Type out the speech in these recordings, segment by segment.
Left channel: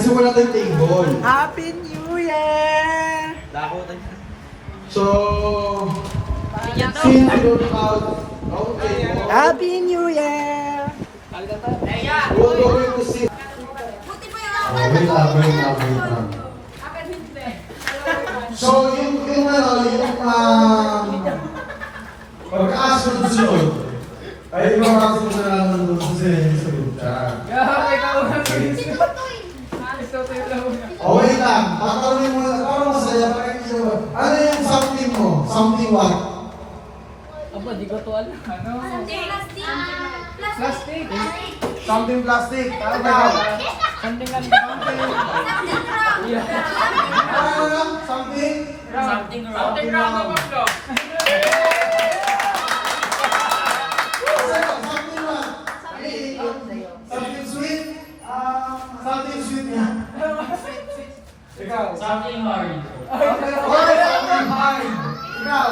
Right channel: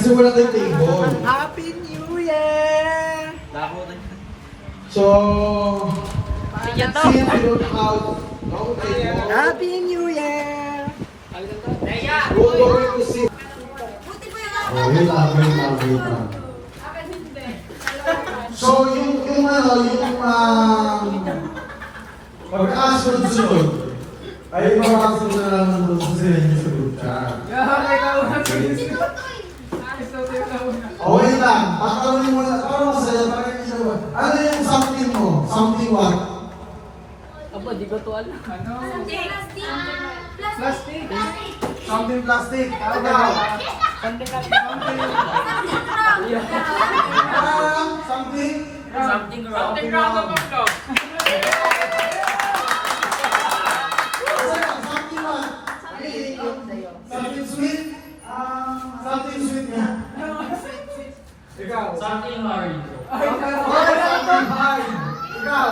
Kasi wala tayong table. Happy New Year! So, since we don't have our table, Happy New Year! we're going to see. Wait lang. So, yung pag-asunod sunod, ay yung mga kasunod na lang ng gusto sila yung sa group chat. Wait lang, pagkaroon mo lang, parang masaya, parang hindi mo. Ano yung something mo? Something what? Aba, di ko to alam. Ano? Plastic. Something plastic. Ano daw? Something lang. Something? Something wrong. Something what? Something sweet? Something sweet niya. Ikaw? Something hard. Okay, something hard. Ikaw?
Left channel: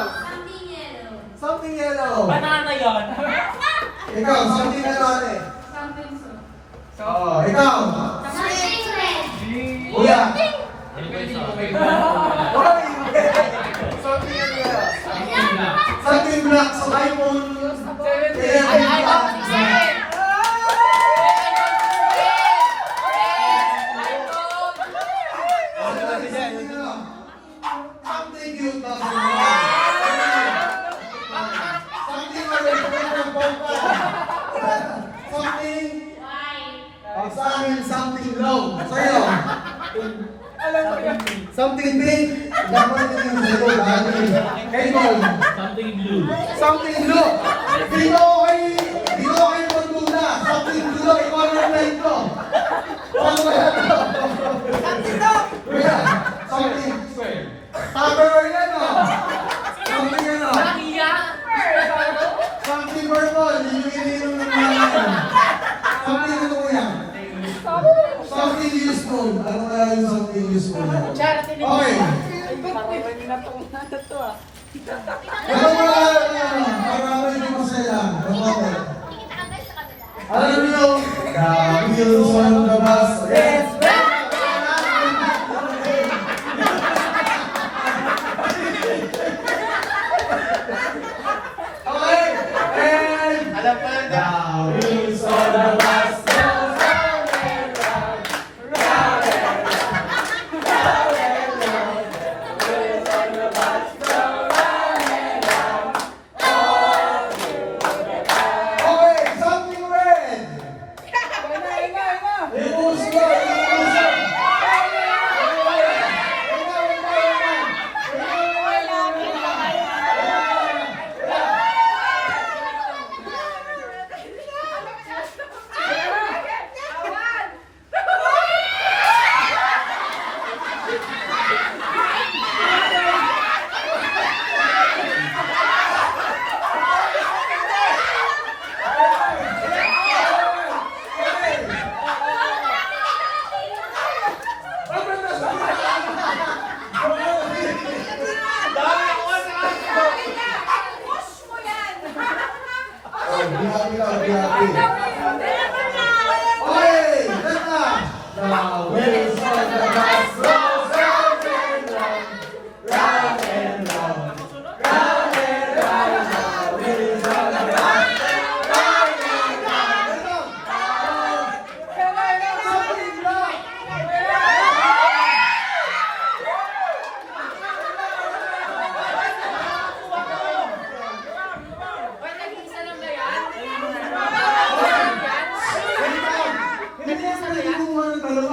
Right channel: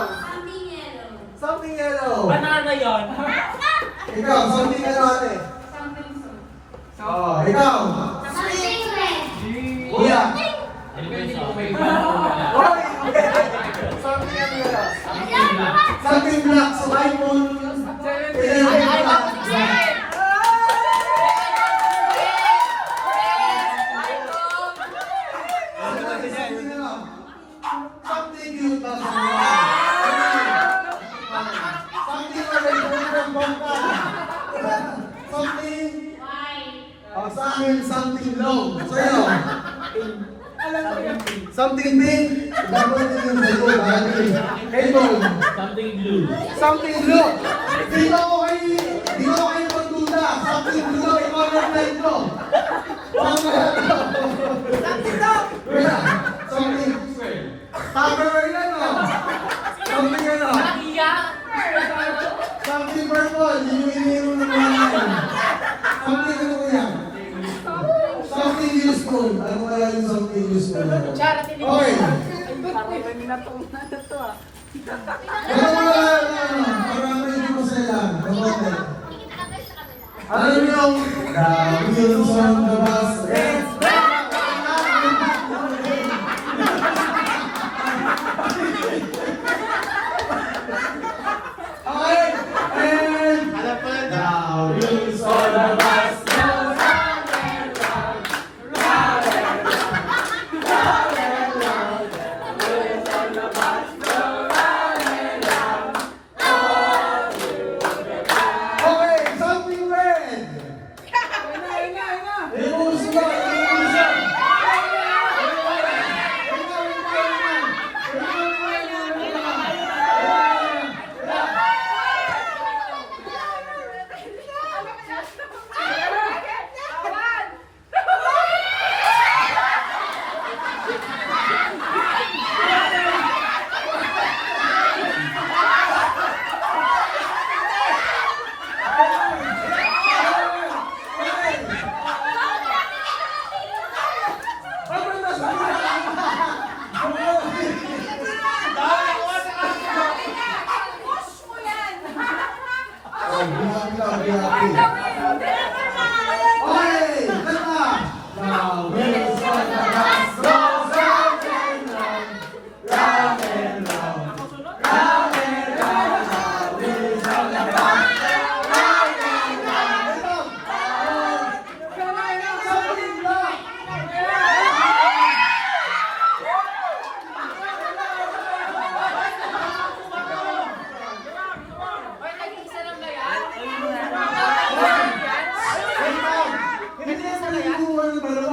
Something yellow. Banana yon. Ikaw, something ano ate? Oh, ikaw? Kuya? Hoy! Something ano yun? Something black. So, lemon. Something cute na sa mga. Something something. Sa akin, something low. Sa'yo? Something pink. Dapat din yung sa'yo. Kaybol. Something blue. Something blue. Dito kayo magduda. Something blue. Ikaw ang nag-play ko. Kuya, something. Tupperware yan o. Something ano. Something purple. Hindi nyo iniinom ng mga yan. Something ano kuya? Something useful. Ano kaya yung something useful? Okay. Ano mga para medyo masaya. Alam niyo, dami yung sa labas. Yes! Okay! And alam pala na. Dami yung sa labas.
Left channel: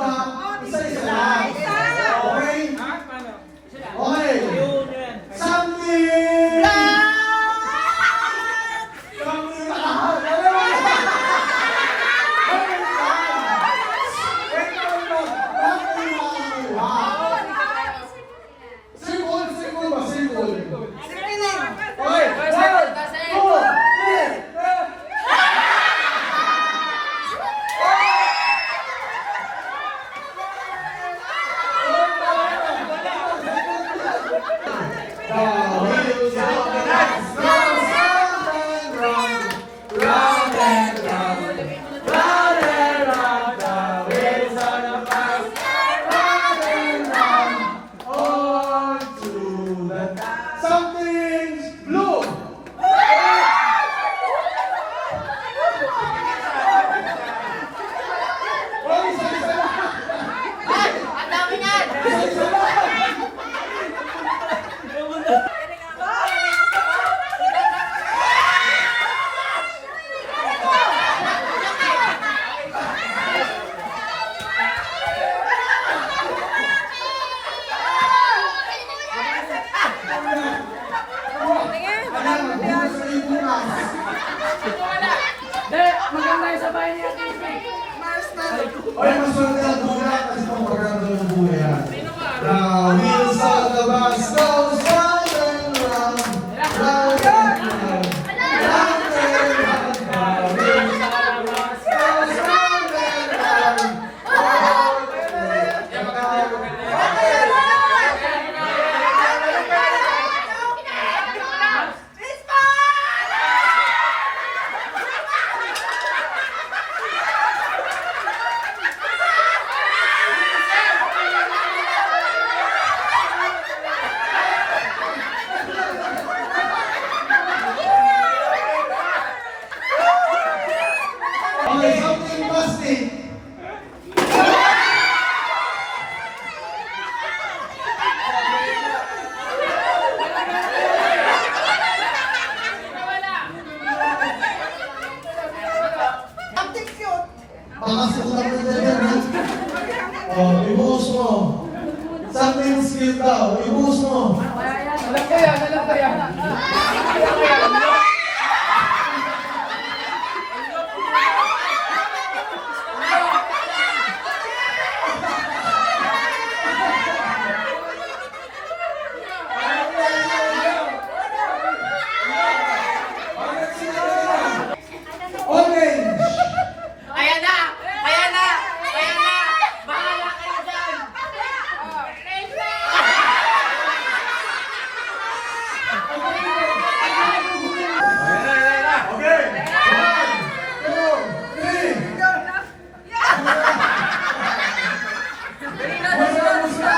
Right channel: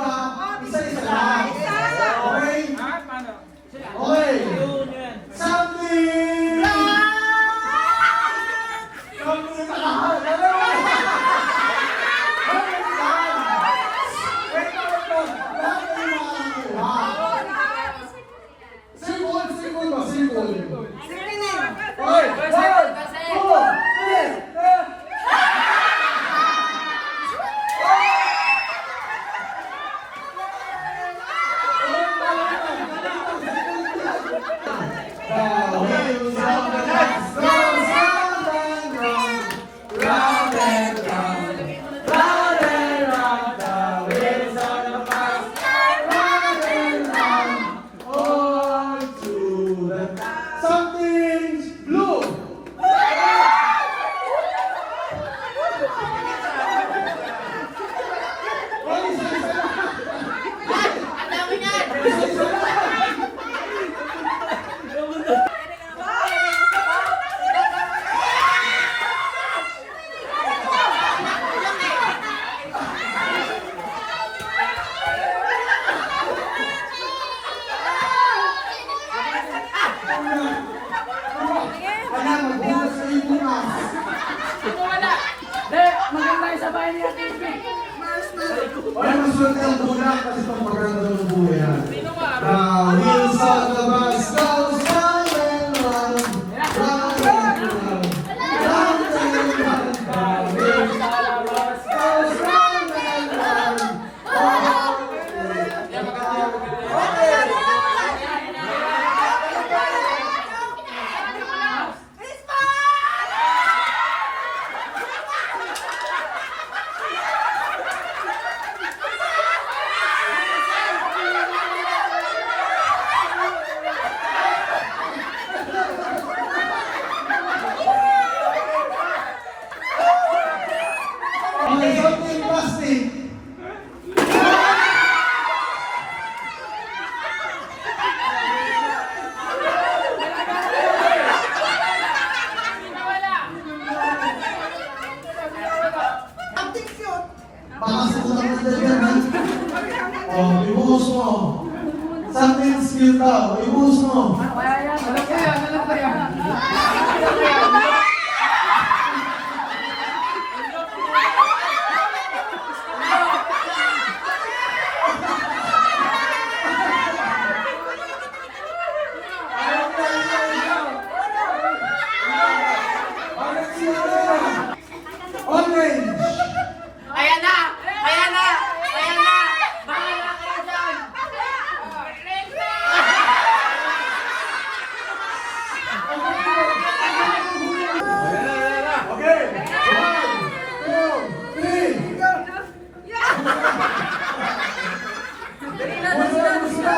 Hindi Maganda tayo sa bahay ni Ate Ibe. Ay, masulat ka muna kasi itong pagkakataon ng buhay yan. Wheels on the bus goes round and round, round and round, round and round. The wheels on the bus goes round and round, round and round. Okay, something plastic. Something cute. Baka sukutan mo dyan yan, ha? Oh, ibuhos mo. Something cute daw. Ibuhos mo. Alam ko yan. Orange. Ayan na! Ayan na! Ayan na! Bahala kayo dyan! Okay. 1, 2, 3. Musta?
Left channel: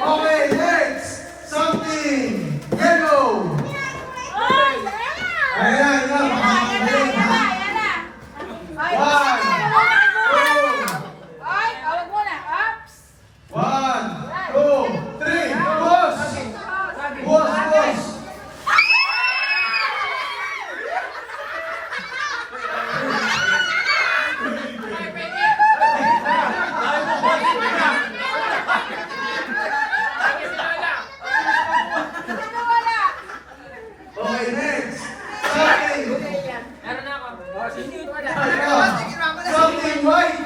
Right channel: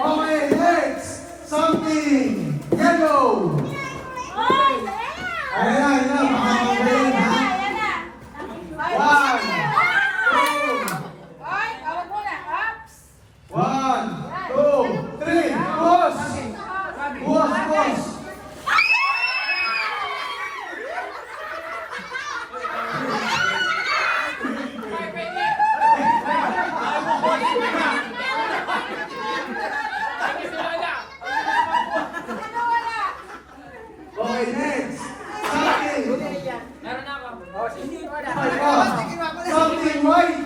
Okay, next. Something yellow. Ayan na, makakagaling, ha? 1, 2, 3. Buhos! Buhos, buhos! Okay, next. Something white.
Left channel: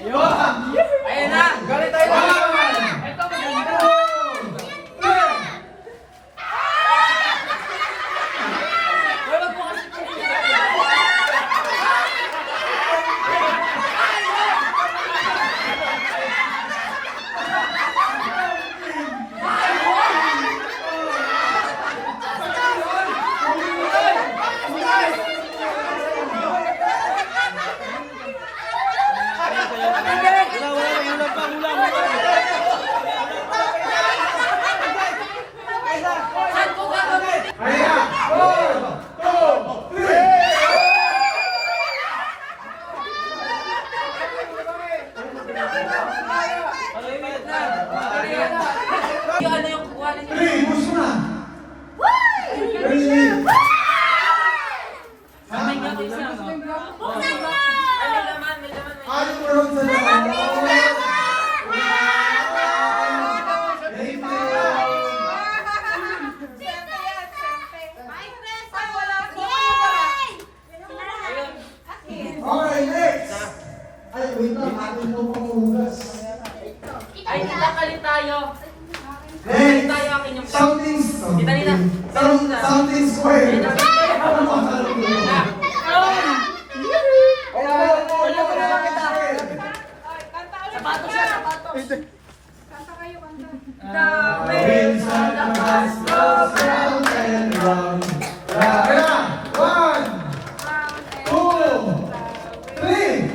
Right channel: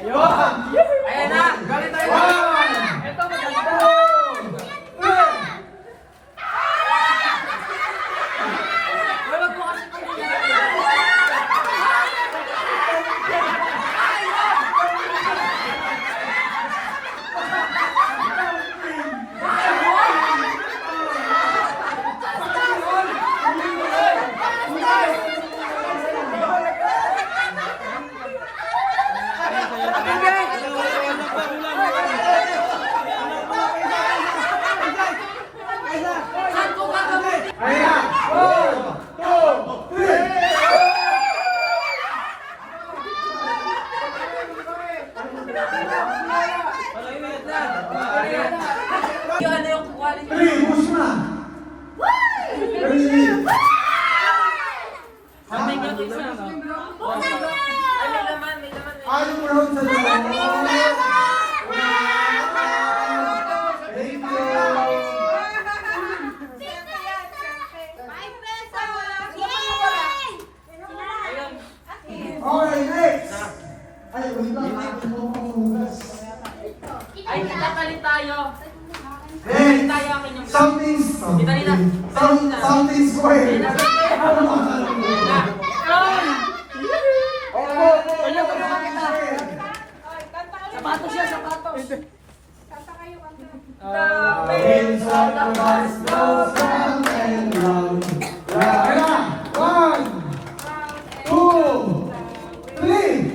Ayan na. Galit tayo. Ito maganda. Wala po kasi Ayan. 1, 2, 3. Yung ano yung quality? 3, push na. 3. May nga ito isa, no? Ay, may laman, may laman. Anong round sa naman? Thank you. Okay, next. Ay, wait lang. Akin mo pang hugas. Ay, palit tayo. Next. Tayo akin yung... Something. Kita nila. Something square. Ano ba Ano ko naman kita? Sapato siya, sapato. Winds of the bus goes round and round. Kaya, 1, 2, 3.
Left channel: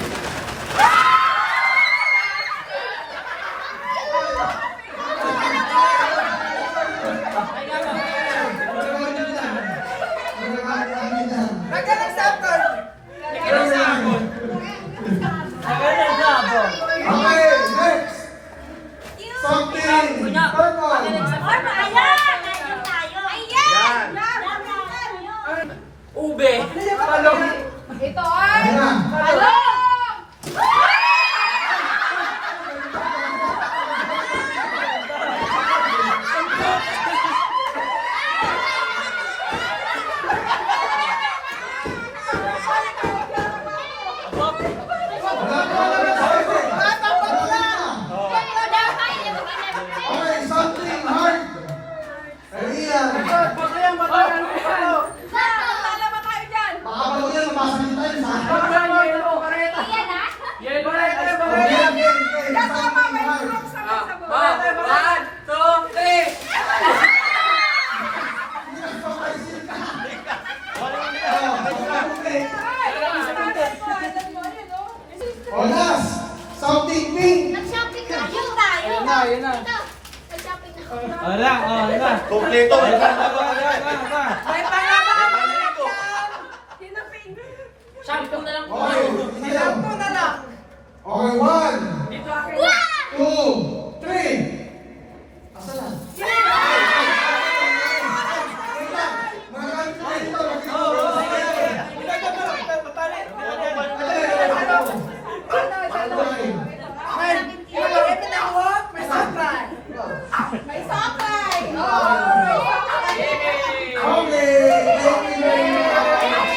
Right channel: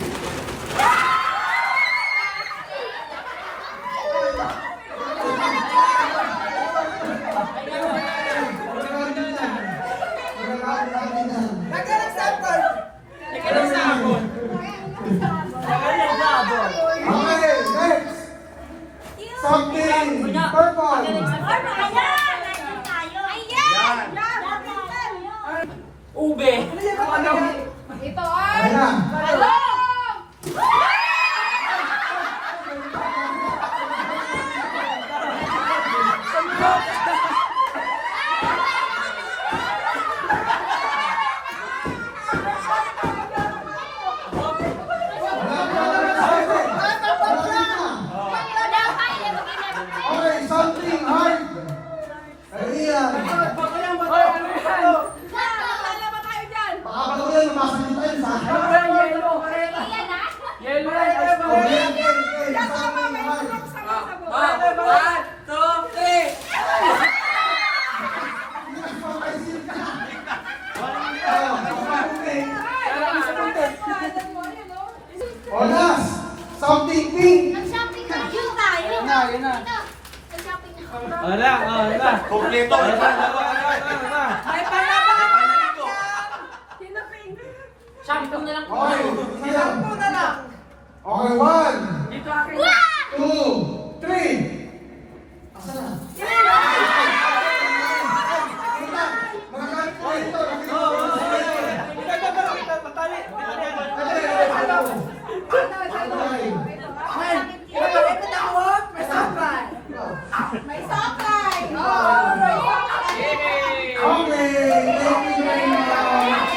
Magkalang sa Something pink. Nag-shopping na kayo tayo. Ayun na, ayun na. Nag-shopping na kayo. Wala, wala. Kompleto. Shampoo na lang po. Okay, sige lang. Okay, 1, Dito akin. 2, 3. Asa na? Magagamit ko dito. May sakay. Okay, thank you very much.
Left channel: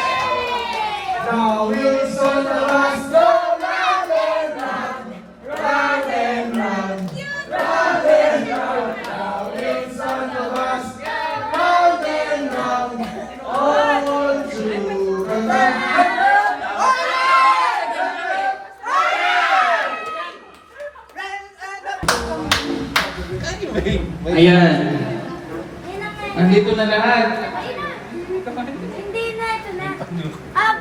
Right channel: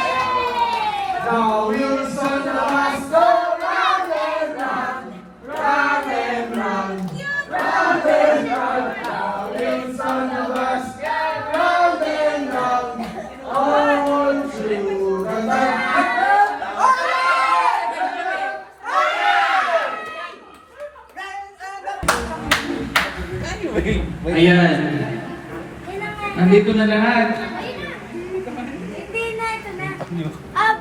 Now we'll sort the bus go round and round, round and round, round and round. Now we'll sort the bus round and round, all through the night. Ayan. Nandito na lahat. Hindi na, ito na. Up.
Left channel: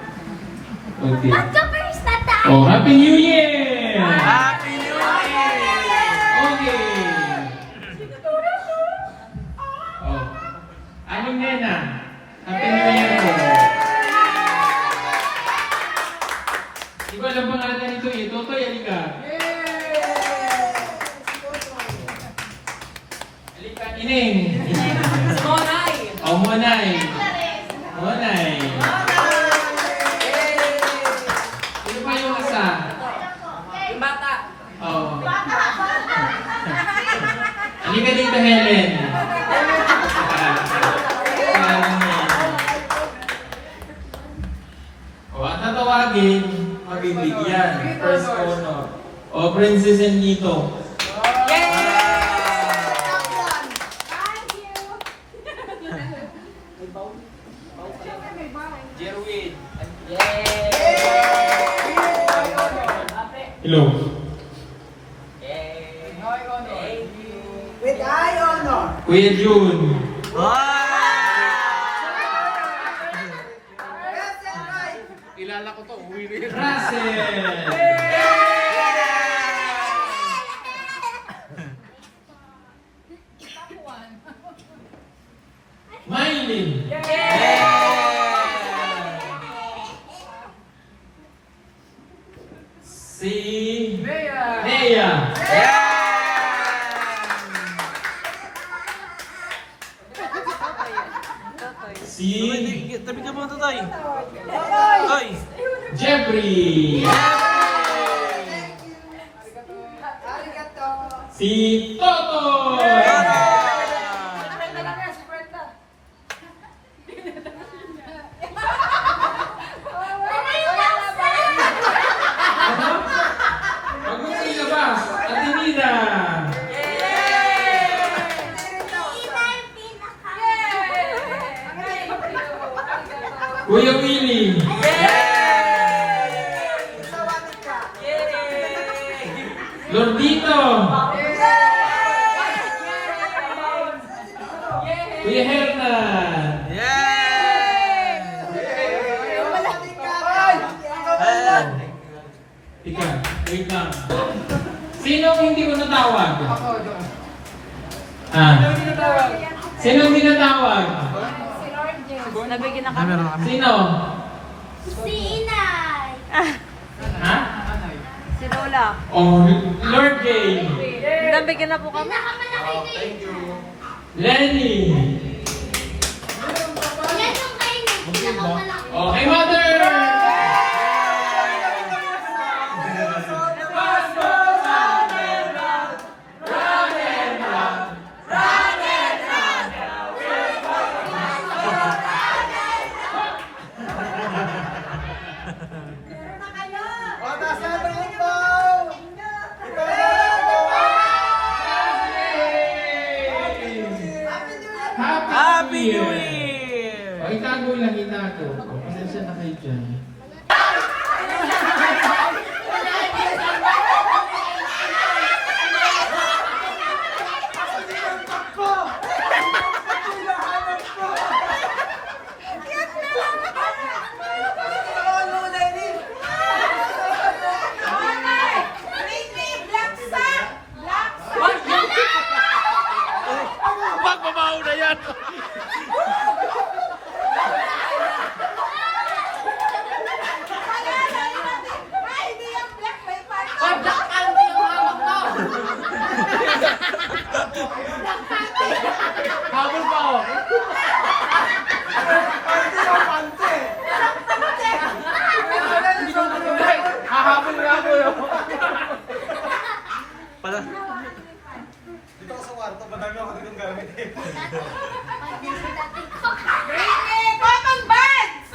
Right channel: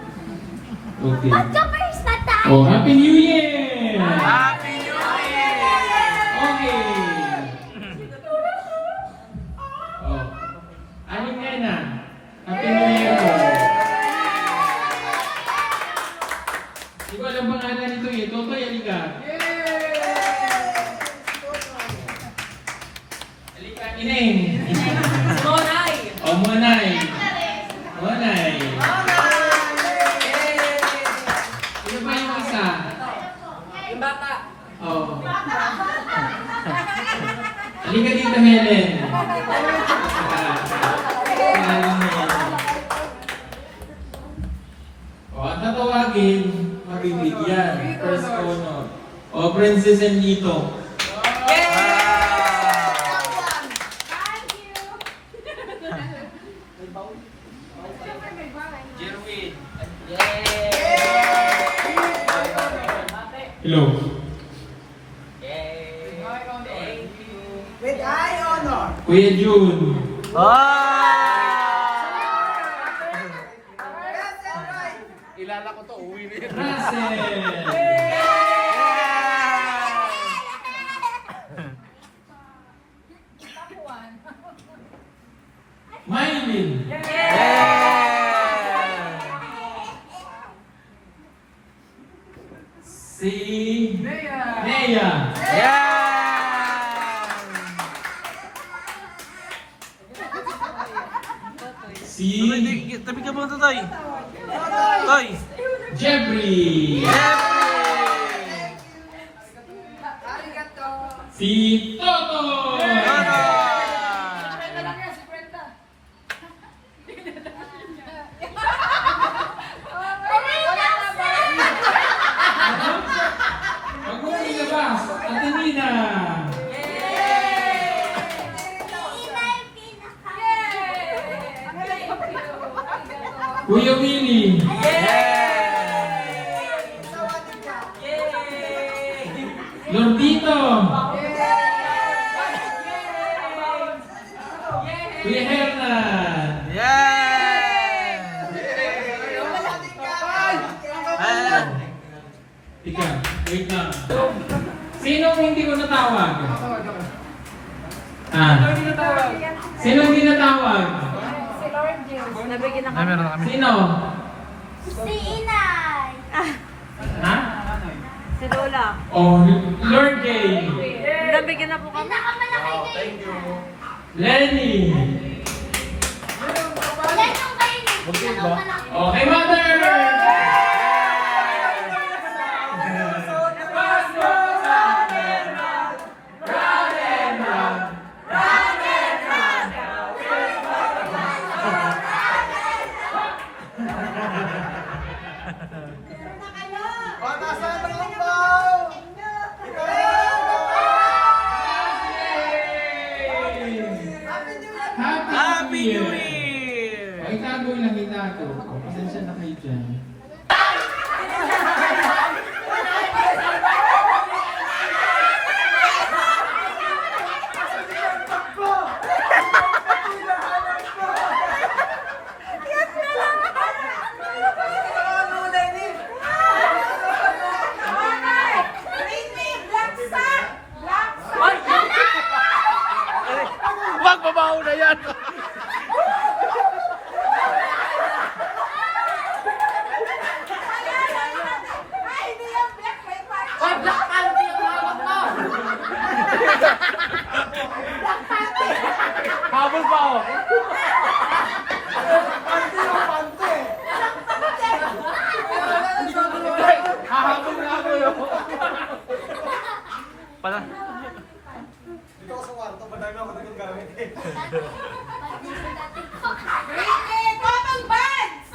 Okay. Ba't ka first na tayo? Oh, Happy New Year! Happy New Year! Okay. Oh. Anong nena? Happy New Year po. Di ko alam pangalan nito eh. Totoy, halika. Halika, Ineng. Monay! Oh, Monay. Monay. Sino pa yung isa? Yung bata. Oh. Halika dito, Helen. O, ang tatawagin, mabibigyan. First honor. O, Princess and Nito. Jerwin. Hello. With eye honor. Kuya Jun. Kilala ko to. Uwi na. Russell. Mylene. Si Nea. Si Tabi ka muna, Toy. Toy. Jeffrey. Si Toto. Huwag mo ilabas. Ate Nina. Kuya Willie. Lordito. Kuya Hernan. Tika, wait lang. Sino ang hindi ko natawag? Sino hindi natawag? Nabigyan ako. Sino? Si Inay. Ha? Si Lola. Oh, Lord Jay. Nabigyan na po kami. Pinakamalaki na Lenny. Yan yung kayo niya. Pinakamalaki. Okay, Mother. Happy New Year! O, itago lang, itago. Pasensya na kayo dyan. Pala. Dito ako sa kwarto, madami ako naging gamit eh. Common Buds!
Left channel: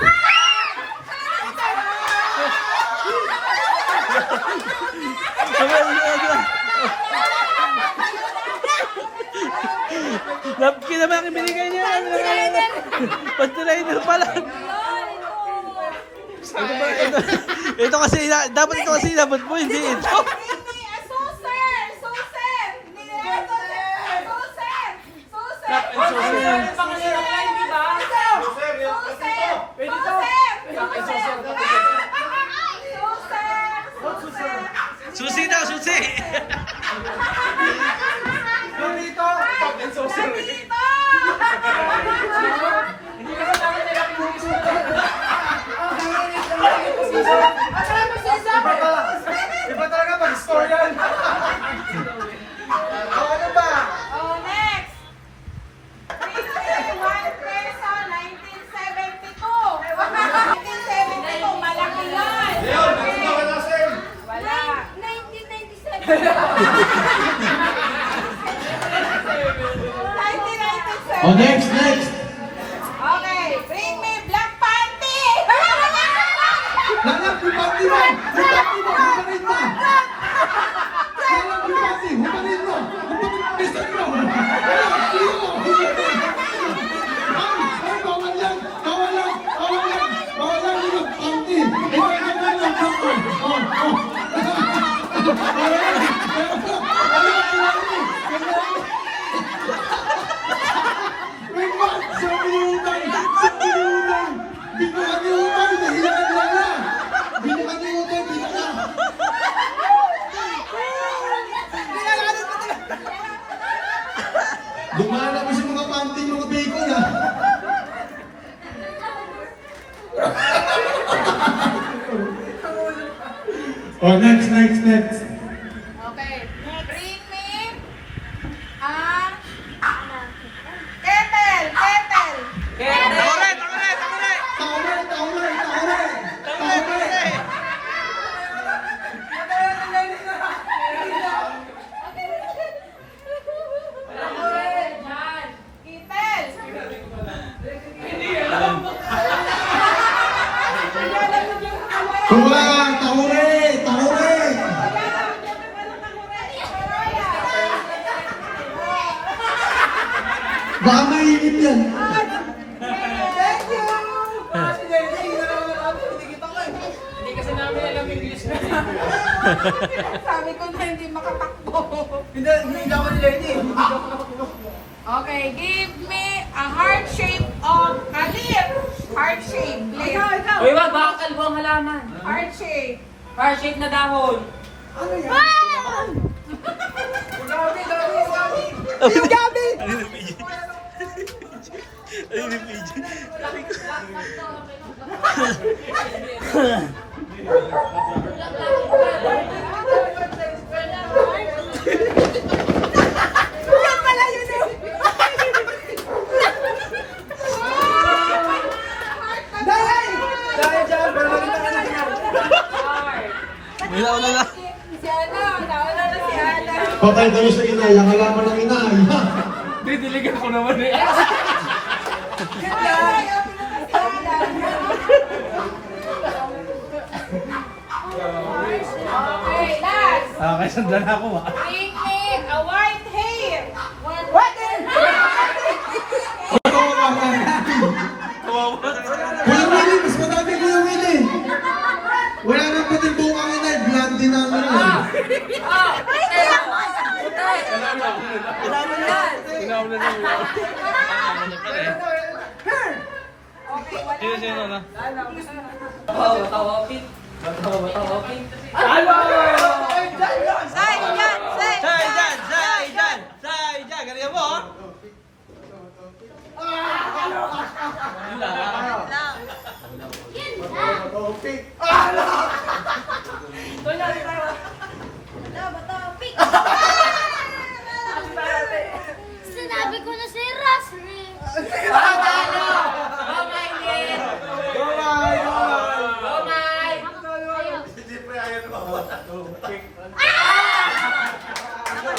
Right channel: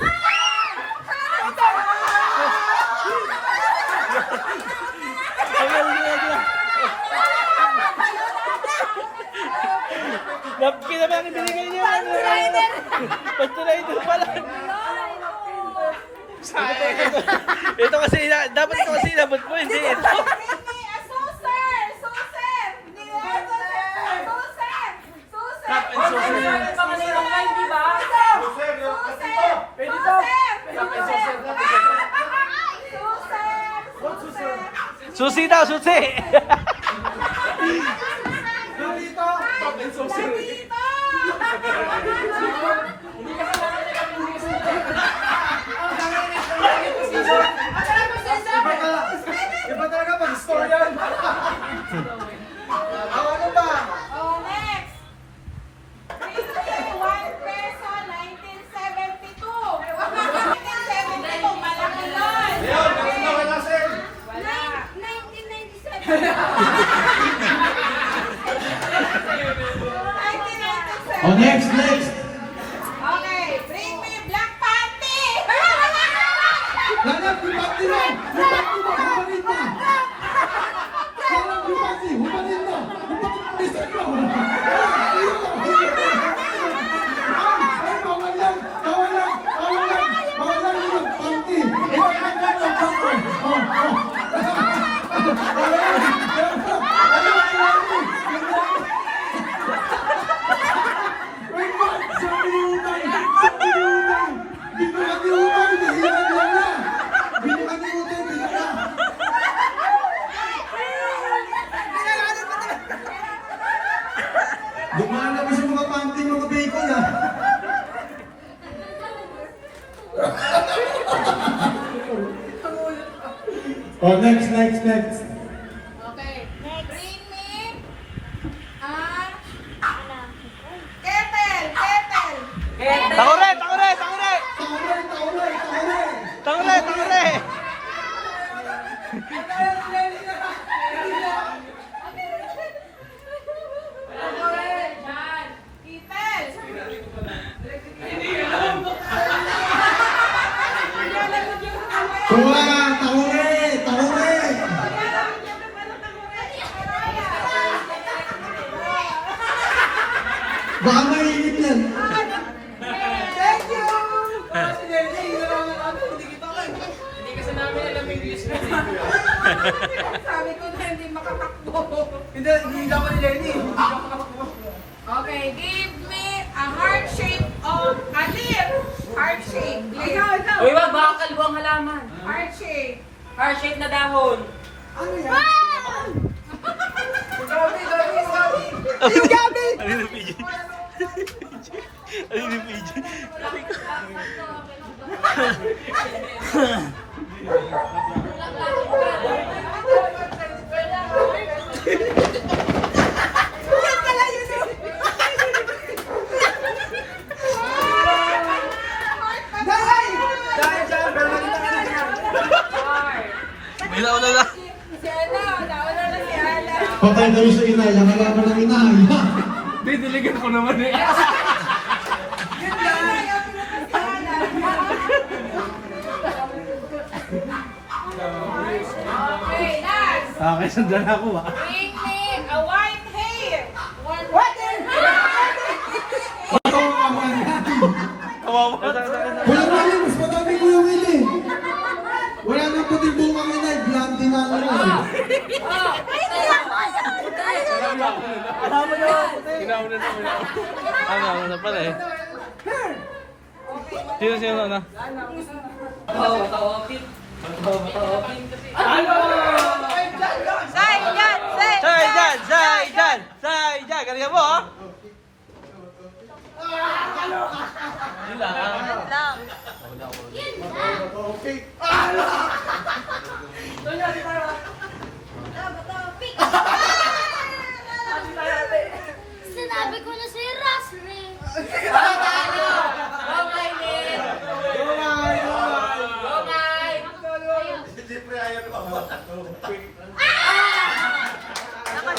Napkin naman ang binigay niya. Panty-liner! Panty-liner pala. Ito kasi, dapat ito kasi dapat po, hindi. Susi daw, susi! Nandito! Top and saucer. Iba talaga pag store yan. Ano ba? Oh, next! 1 peso, 1972. 1972, malaki yun. Leon, bakit na wala sa'yo? Wala. 1997. Oh, next! Okay, bring me black panty. Hanap yung panty mo! Humanin mo! Hanap yung panty! Humanin mo! Gusto mo! Ay, bawal yan! Bawal yung panty! Bawal yung panty! Wait, what? Sabi ni Utay! Binukan ni Utay! Nahilan lang na! Binukan ni Utay! Binukan! Dumaan ako sa mga panty, mga bacon, ha? Oh, next! Okay, bring me kettle. Takuret! Taure! Kulang! Taure! Baka mainit yan. Thank you! Sabi ko na hindi makatakbo. Hindi ako ni Lenny. Okay, give me a heart shape of a leaf. Heart shape. Leaf. Uy, wag, baka kalbo ang halaman. Heart shape. Heart shape na dahon. Ano na PJ? Ano na PJ? May naulala. Si Ana, nauna na si Ana. Patay tayo sa inay. Ang alaman ng inay. Didiligan ko naman eh. Okay, last. Okay, sandan ako ah. Bring me a white hair. What? Kuya Willie, mas madami Kuya Willie. Wala na pa din buong ang inay. Blondie na ang inay. Sino na? Galing mo ah. Sinabi ko na si Rosary. Go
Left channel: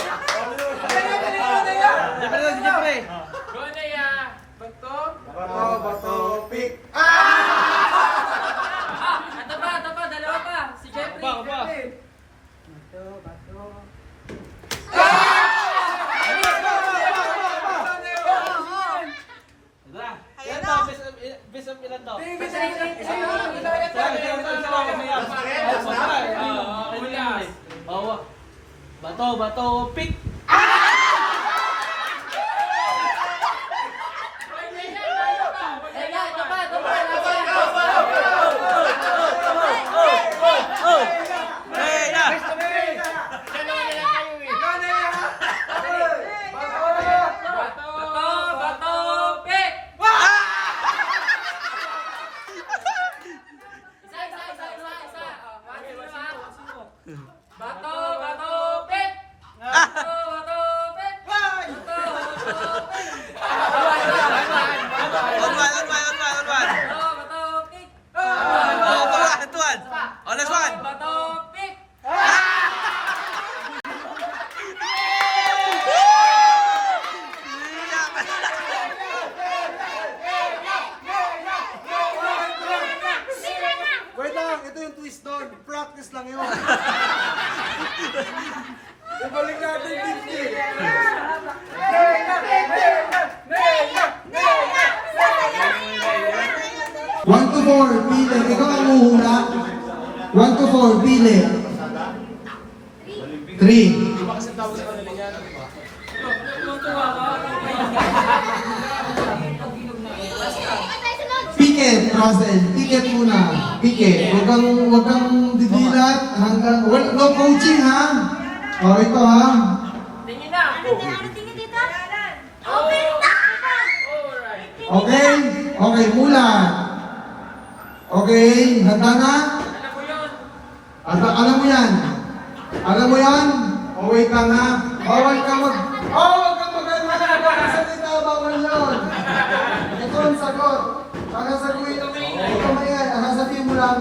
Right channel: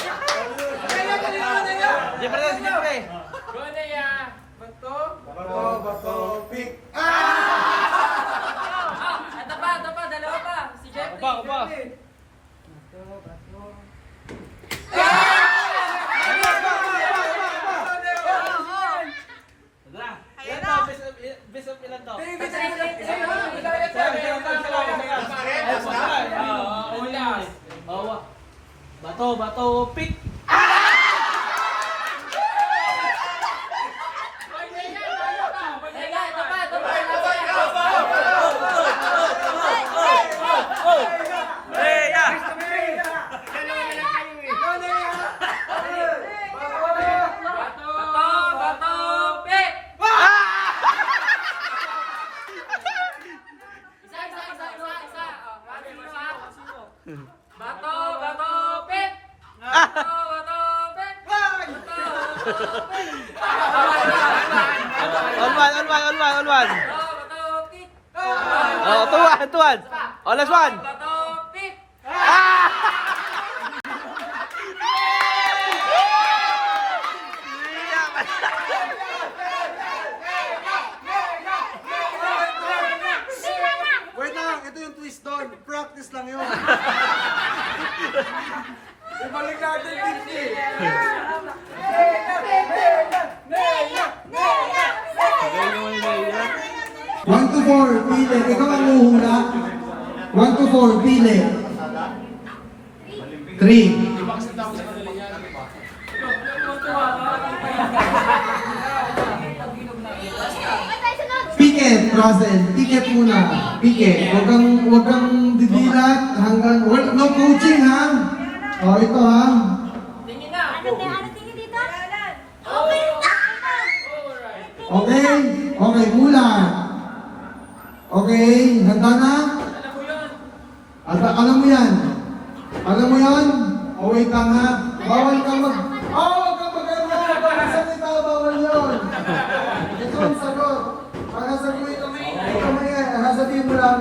na ya. Bato. Bato, pick. Ito pa, dalawa pa. Si Jeffrey. Yan to, best of ilan to? Bato, pick! On one. Oh, tuwan. Oh, last one. Wait lang, ito yung twist doon. Practice lang yun. Ibalik natin din. 1 to 4, pili. Ikaw ang muhula. 1 to 4, pili. 3. Piket, Russell. Piket muna. Piket. Huwag kang didilat hanggang... No coaching, ha? O, ito, ha? Tingin na. Tingin dito. Okay. Okay? Okay, mula. Okay, handa na? Alam mo yun. Alam mo yan? Alam mo yan? O, wait lang, ha? Bawal ka mag... Huwag kang magsalita, bawal yun. Ito ang sagot. Sasaguhin mo. Ito mo yan. Sasabihin mo lang,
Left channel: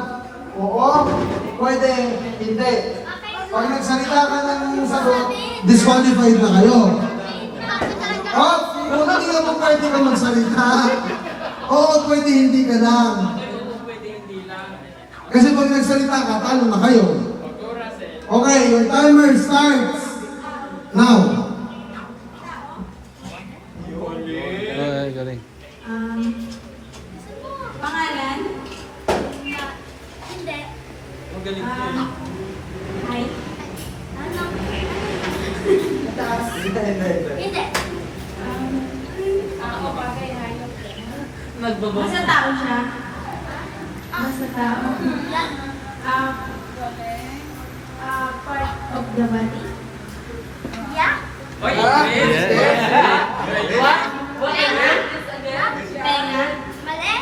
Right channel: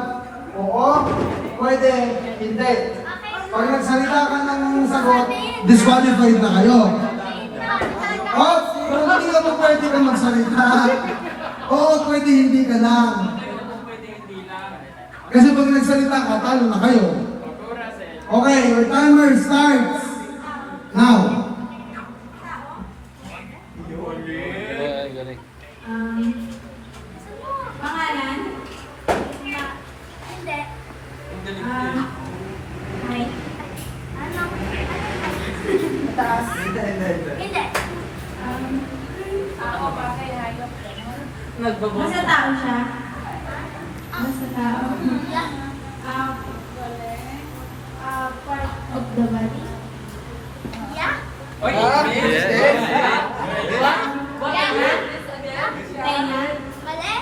oo, pwede, hindi. Pag nagsalita ka ng sagot, disqualified na kayo. Oh, kung hindi ka mo pwede ka magsalita. Oo, pwede hindi ka lang. Kasi pag nagsalita ka, talo na kayo. Okay, your timer starts now. Pangalan? Hindi. Hi. Ano? Hindi. Tao, bagay, hayop. Nagbabo. Basta tao siya. Basta tao. Yeah. Part of the body. Yeah. Oy, Tenga. Mali.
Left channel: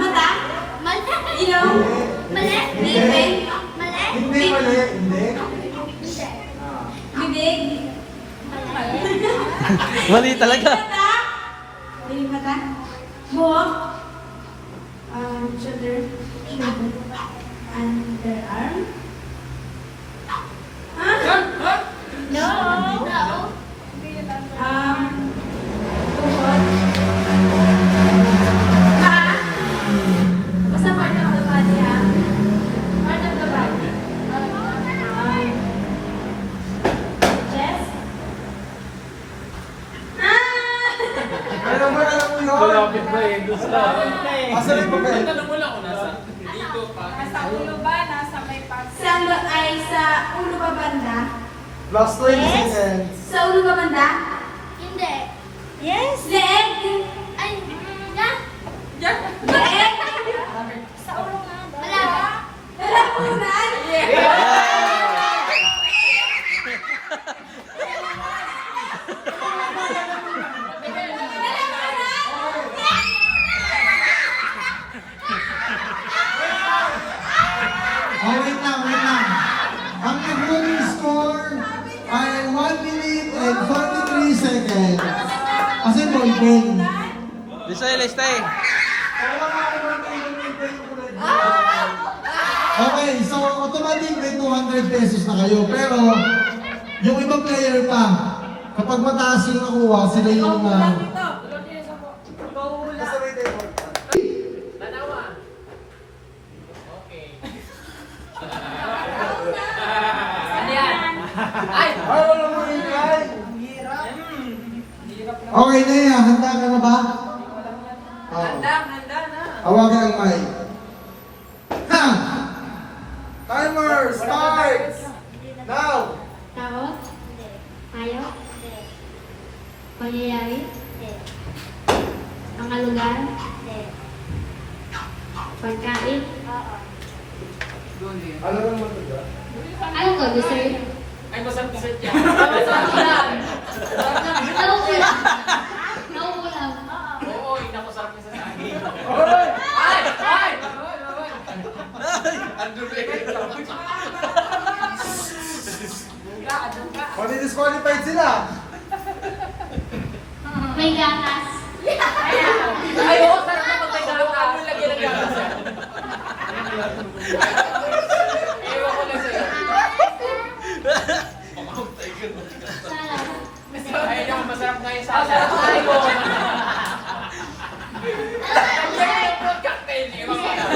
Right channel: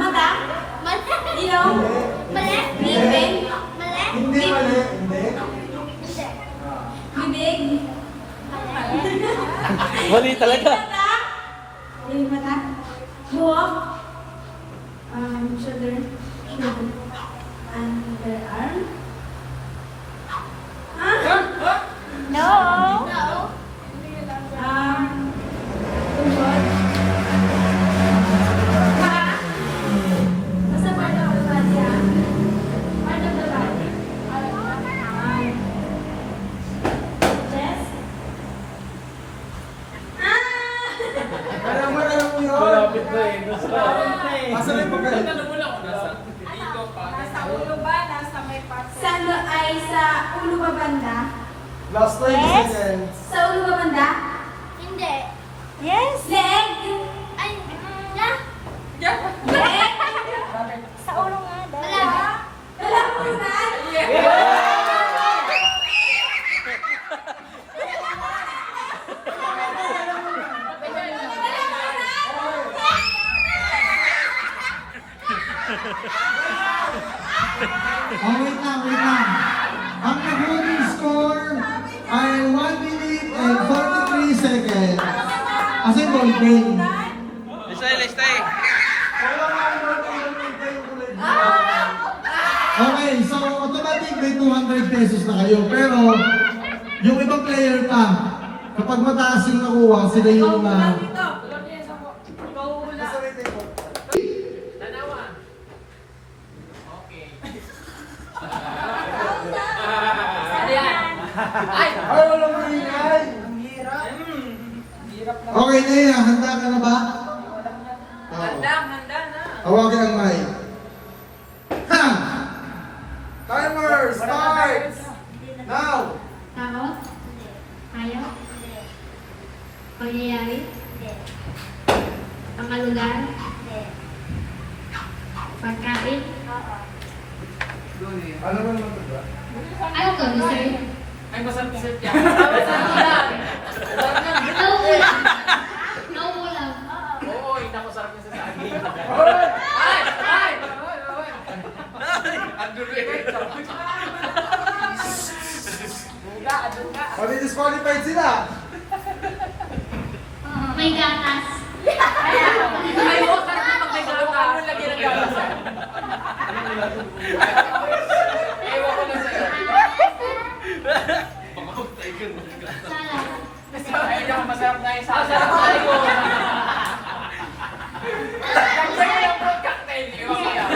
Mata. Mali. Ilong. Mali. Ngipin. Mali. Hindi, mali. Hindi. Hindi. Bibig. Mali. Mali talaga. Mata. Mata. Buhok. Shoulder. Underarm. No. No. Tuhod. Paa. Basta part of the body, ha? Part of the body. Chest. Kaya mo, alam mo yun. Asan yung papel? Tanong mo lang kung nasa. Dito pa. Nasa ulo ba? Nasa may Sa ulo ba banda? Last 20 seconds. Sa ulo ba banda? Hindi. Yes. Leg. Ay, yeah. Leg. Sa ulo nga daw. Wala. Lalamunan. Oh, wait lang. Ang nag-running score ay 1 minute and 43 seconds. Kasi ballpen. Listay. Okay, so automatic think may 200 pesos na kayo. Pero, yung ibang player pa, kapag mataas yung nakuha, sila yung... Tanawa. Okay. Ay! Ay, walang maingay! Okay na yan, handa ka na ba? Handa na. Hawakan ang mic. Ha! Timer starts! Now! Tao? Tayo? Pangyayari? Ang lugar? Pagkain? Ano ba naman ito? Ano to, dessert? Ay, masarap sa siya. Nauulam. Nauulam. Oo, inakusarap niya sa saging. Ay! Disqualified sila. May gatas. Ay, oo, sarap naman kay Galukan. Ano lagyan ng gatas? Ewan ko lang sa'yo. Salad. Ay, yung masarap nga yung salsa. Lagyan mo ng fruit cocktail. Ewan ko lang.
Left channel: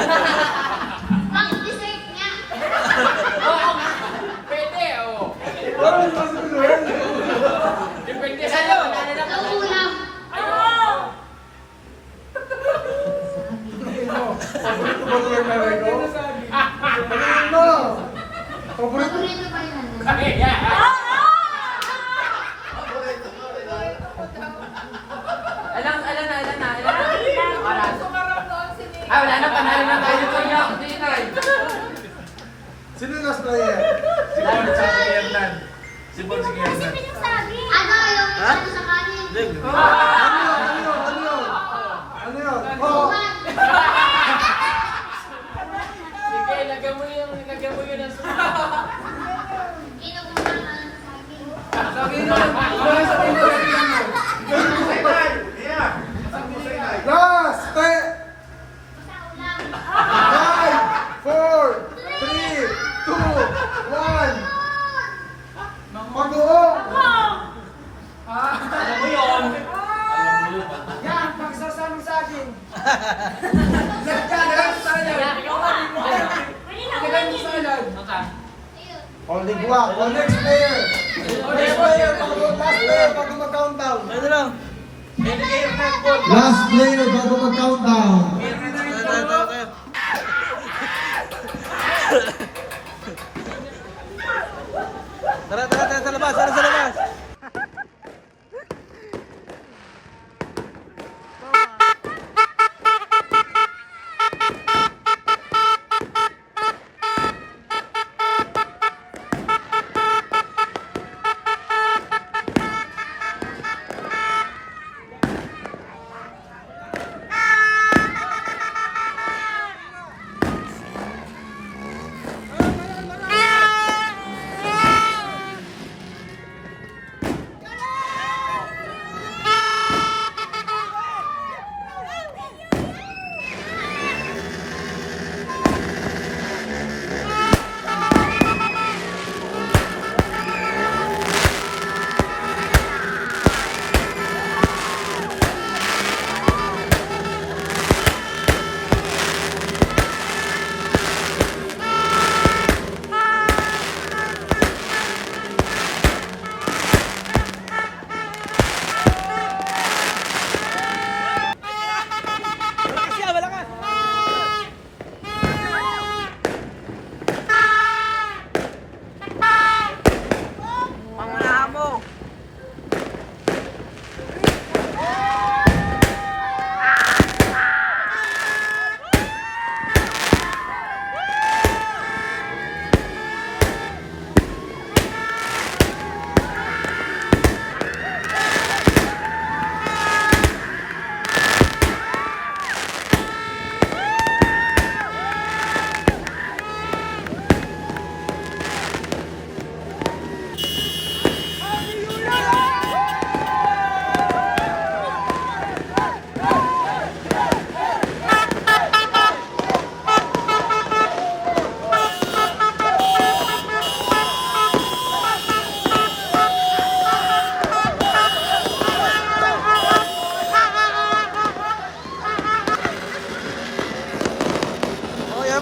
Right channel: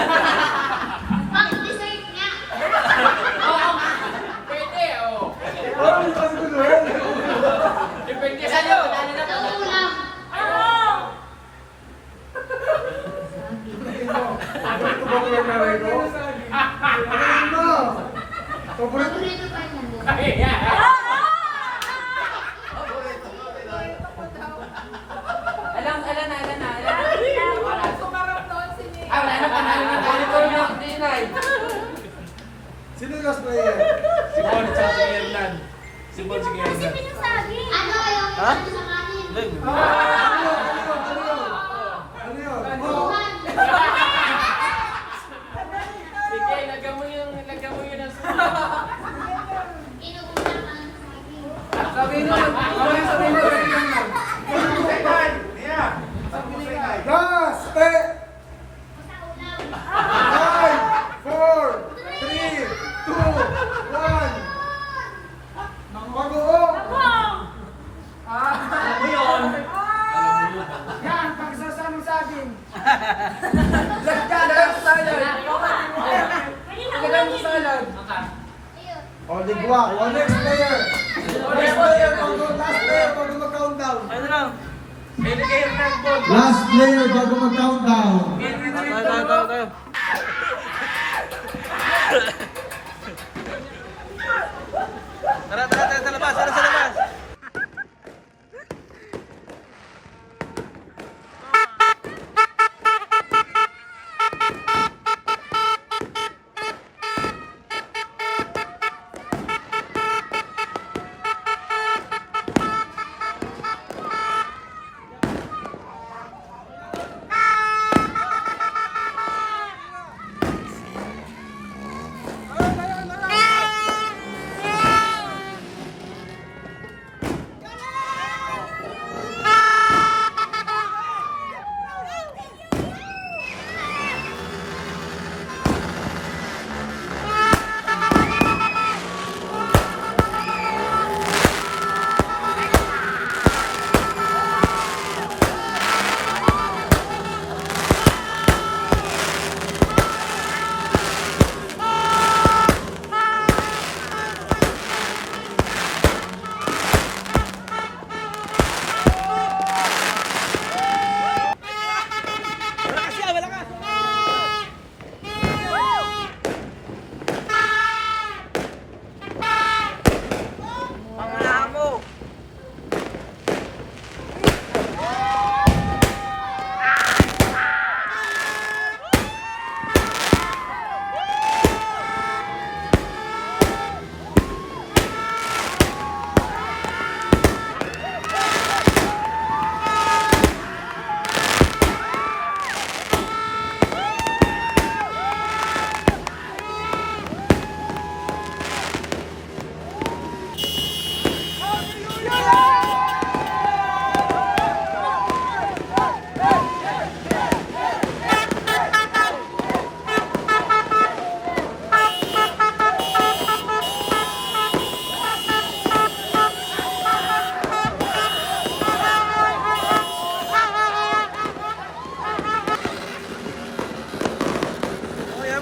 Ang dessert nga. Pwede, oo. Parang kasi ko doon. Depende sa'yo. Nauulam. Paborito ba ko lang ito? Ano mo? Paborito? Paborito pa yun nandun. Kaya. Alam na. Wala na, panalo na tayo ko na. Hindi na. Sino yung last player? Kasi pinagsabi. Ano kayong ano sa kanin? Ano yun? Oh! Sige, lagyan mo yun ang sumunod. Inuulam ang saging. Last! Sa ulam. 5, 4, 3, 2, 1. Pag-uong! Alam mo yun. Yan, pagsasama sa akin. Ayun. O, ligwak. O, next player. Next player. Last player bago mag-countdown. Ano lang? Last player bago mag-countdown. Tayo. Tara, sa labas, sa labas.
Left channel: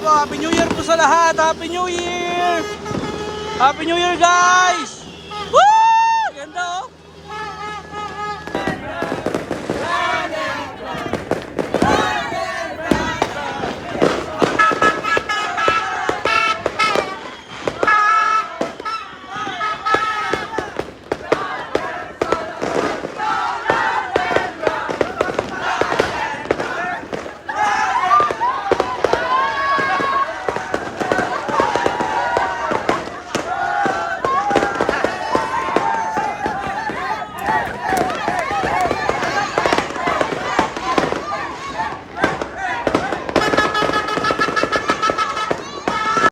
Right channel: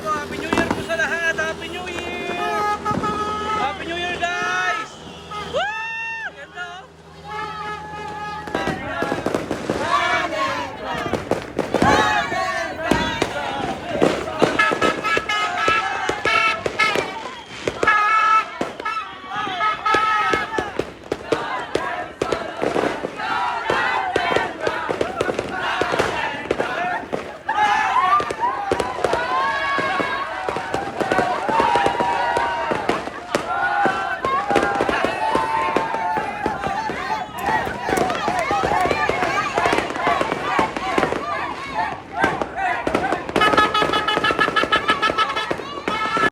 Happy New Year po sa lahat. Happy New Year. Happy New Year, guys.